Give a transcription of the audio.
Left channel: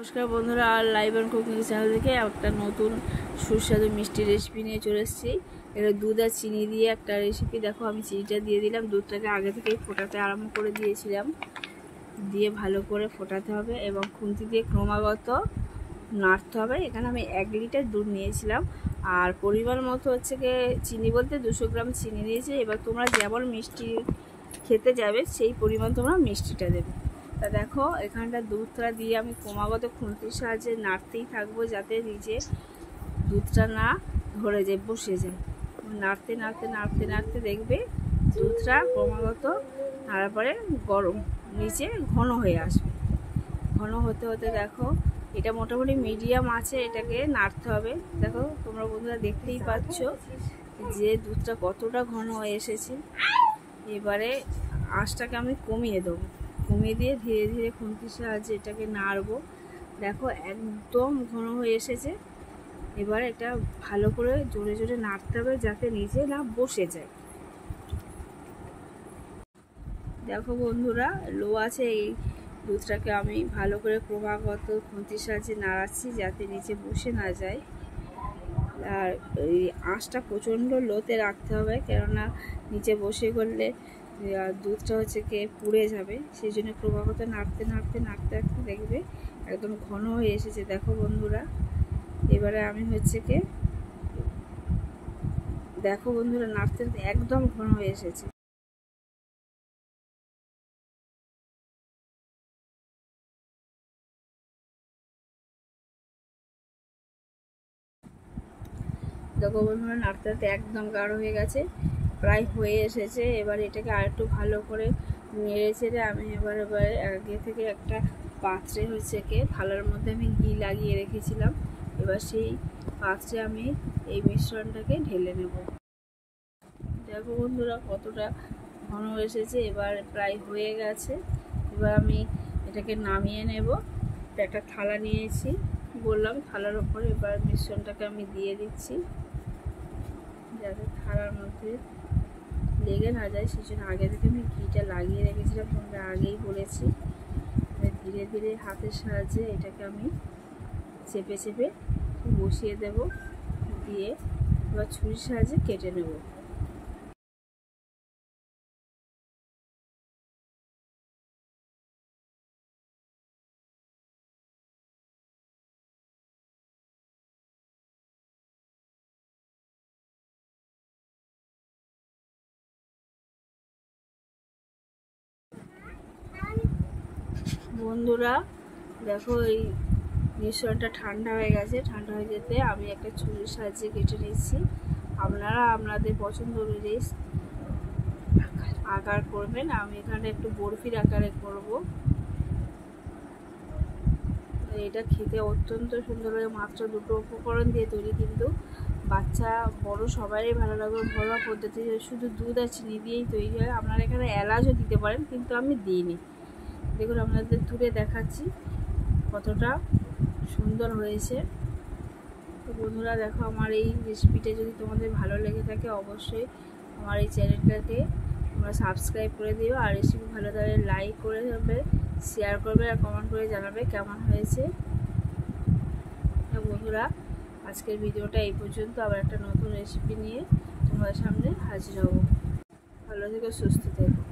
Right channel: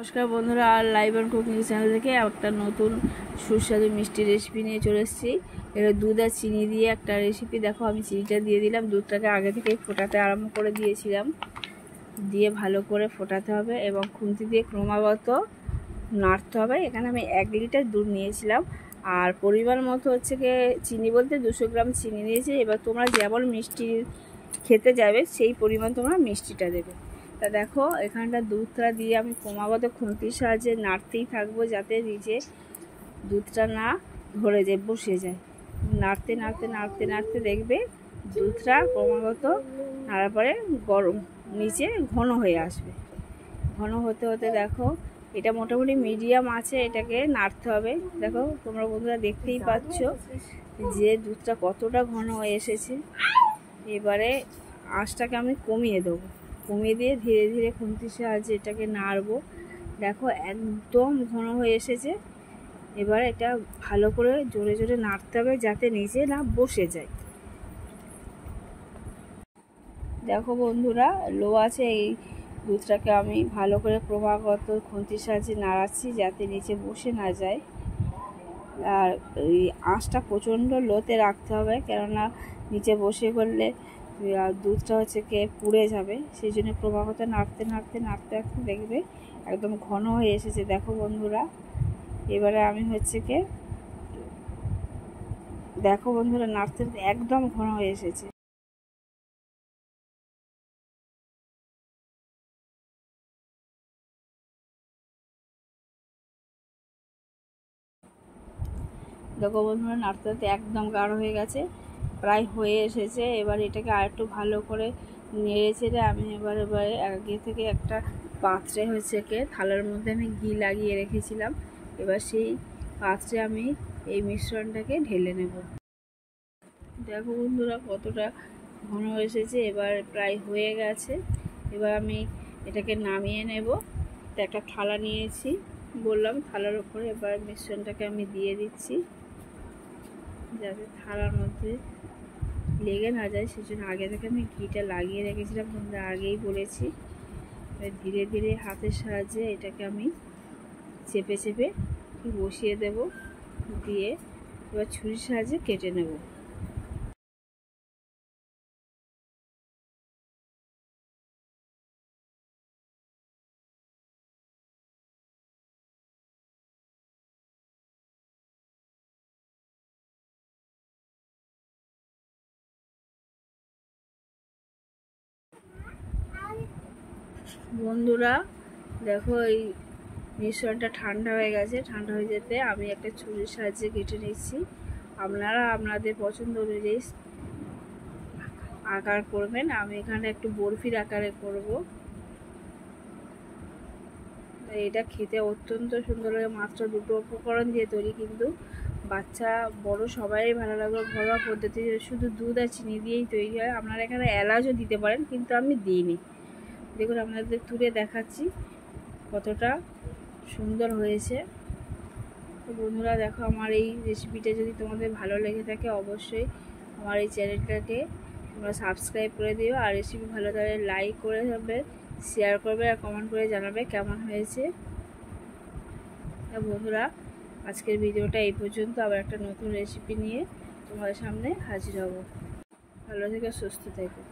নমস্কার বন্ধুরা, আর live and cooking channel থেকে একটা নতুন সুস্বাদু মিষ্টি রেসিপি নিয়ে চলে এসেছি। এটা দুধ আর চিনি দিয়ে একটা রেসিপি। দেখো, আমি চিনিটা দিয়ে দিলাম, দুধটাকে আগে থেকেই ফোটাতে আরম্ভ করে দিয়েছিলাম। দিয়ে ভালো করে ফোটাতে হবে এবং খুন্তি দিয়ে ক্রমাগত নাড়তে হবে। এখানে আমি 1 লিটার দুধ নিয়েছিলাম, আর পরিমাণ মতো হচ্ছে গিয়ে চিনি বলতে 200 গ্রাম চিনি নিয়েছি। এবার তোমরা যেমন মিষ্টি খেতে যাবে সেই পরিমাণ তোমরা মিষ্টিটা দেবে। তা দেখো, এখানটা দুধটা দিয়ে আমি ক্রমাগত খুন্তির সাহায্যে নাড়তেই থাকবো, যাতে নিচে দুধটা না ধরে যায়, বসে যায়। নাড়তে নাড়তে নাড়তে নাড়তে দেখবে দুধটা ক্রমাগত নাড়ার পরে গরম নিচে ঘন হয়ে আসবে। ঘন হতে হতে দেখো, এটা মোটামুটি মিডিয়াম আছে, এটাকে নাড়তে হবে। দেখো তোমরা বন্ধুরা দেখতেই পাচ্ছ যে দুধটা কতটা ঘন হয়ে এসেছে। এবারে আঁচটাকে আমি কমিয়ে দেবো, কমিয়ে দিয়ে ধীরে ধীরে খুন্তির সাহায্যে এটাকে নাড়বো। দেখো একদম ঘন হয়ে এসেছে। এবার এটা ভালো করে জোরে জোরে নাড়তে হবে, যাতে নিচে না বসে যায়। দেখো বন্ধুরা, লো আছে এই দুধটাকে আমি ভালো করে ক্রমাগত খুন্তির সাহায্যে নাড়াচ্ছি, যাতে নিচে বসে না যায়। আর এই আঁচটা প্রচণ্ড লোতে রাখতে হবে, কেননা নিচে বসে করলে দুধটা হচ্ছে কে পুড়ে যাবে। সেই জন্য ক্রমাগত নাড়তে নাড়তে নাড়তে নাড়তে দেখবে একদম ঘন হয়ে এসেছে। দেখো বন্ধুরা, এবারে আমি হচ্ছে কে দেখো বন্ধুরা, নাড়তে একদম ঘন হয়ে এসেছে। দেখো বন্ধুরা, নাড়তে নাড়তে একদম গাঢ় হয়ে গেছে, প্রায় হয়ে এসেছে। এবার এটাকে আর একটু ভালো করে নেড়ে চেড়ে আমি এবারে আগে থেকে একটা পাত্রে হচ্ছে কে থালার মধ্যে আমি ঘি লাগিয়ে রেখেছিলাম। এবার সেই পাত্রে আমি এই মিশ্রণটাকে ঢেলে নেব। দেখো বন্ধুরা, কতটা ঘন এসেছে, এবার প্রায় হয়ে গেছে। এবার আমি এটাকে নামিয়ে নেব। তো একটা থালা নিয়েছি, বললাম থালার উপরে এবার মিশ্রণটাকে আমি দিয়ে দিচ্ছি, যাতে থালার মধ্যে লেগে না যায়। সেই জন্য আগে থেকে আমি ঘিটা লাগিয়ে রেখেছিলাম, তোমরা আগেই বলেছি। ধীরে ধীরে হাতের সাহায্যে এটাকে আমি চেপে চেপে বসিয়ে দেব, দিয়ে এবার ছুরির সাহায্যে কেটে নেব। বন্ধুরা দেখো, এই মিশ্রণটা ঠান্ডা হয়ে গেছে। ঠান্ডা হয়ে যেতে আমি একটা ছুরির সাহায্যে কেটে নিচ্ছি। আপনারা আপনাদের পছন্দ অনুযায়ী আকার করবেন। আমি এখানে একটু বরফির আকারে করব। এটা খেতে অত্যন্ত সুন্দর লাগে। মাত্র 2টো উপকরণ দিয়ে তৈরি, কিন্তু বাচ্চা বড় সবাই ভালো লাগবে। ঘরোয়া পদ্ধতি, শুধু দুধ আর চিনি দিয়েই তৈরি হয়। আপনারা এখানে এলাচও দিতে পারেন, কিন্তু আমি দিইনি। দেখুন, আপনাদের তুলে দেখাচ্ছি কতটা সুন্দর হয়েছে। তো বন্ধুরা দেখো, আমার এই রেসিপিটা যদি তোমাদের ভালো লেগে থাকে, অবশ্যই আমার এই চ্যানেলটাকে তোমরা সাবস্ক্রাইব করে দিও। আর রেসিপি ভালো লাগলে লাইক করে দেবে, শেয়ার করবে আর কমেন্ট করে জানাবে কেমন হয়েছে। বন্ধুরা, আজকের ভিডিওটা এই পর্যন্ত। আবার একটা নতুন রেসিপি নিয়ে তোমাদের সামনে হাজির হব। ভালো থেকে সুস্থ থেকো।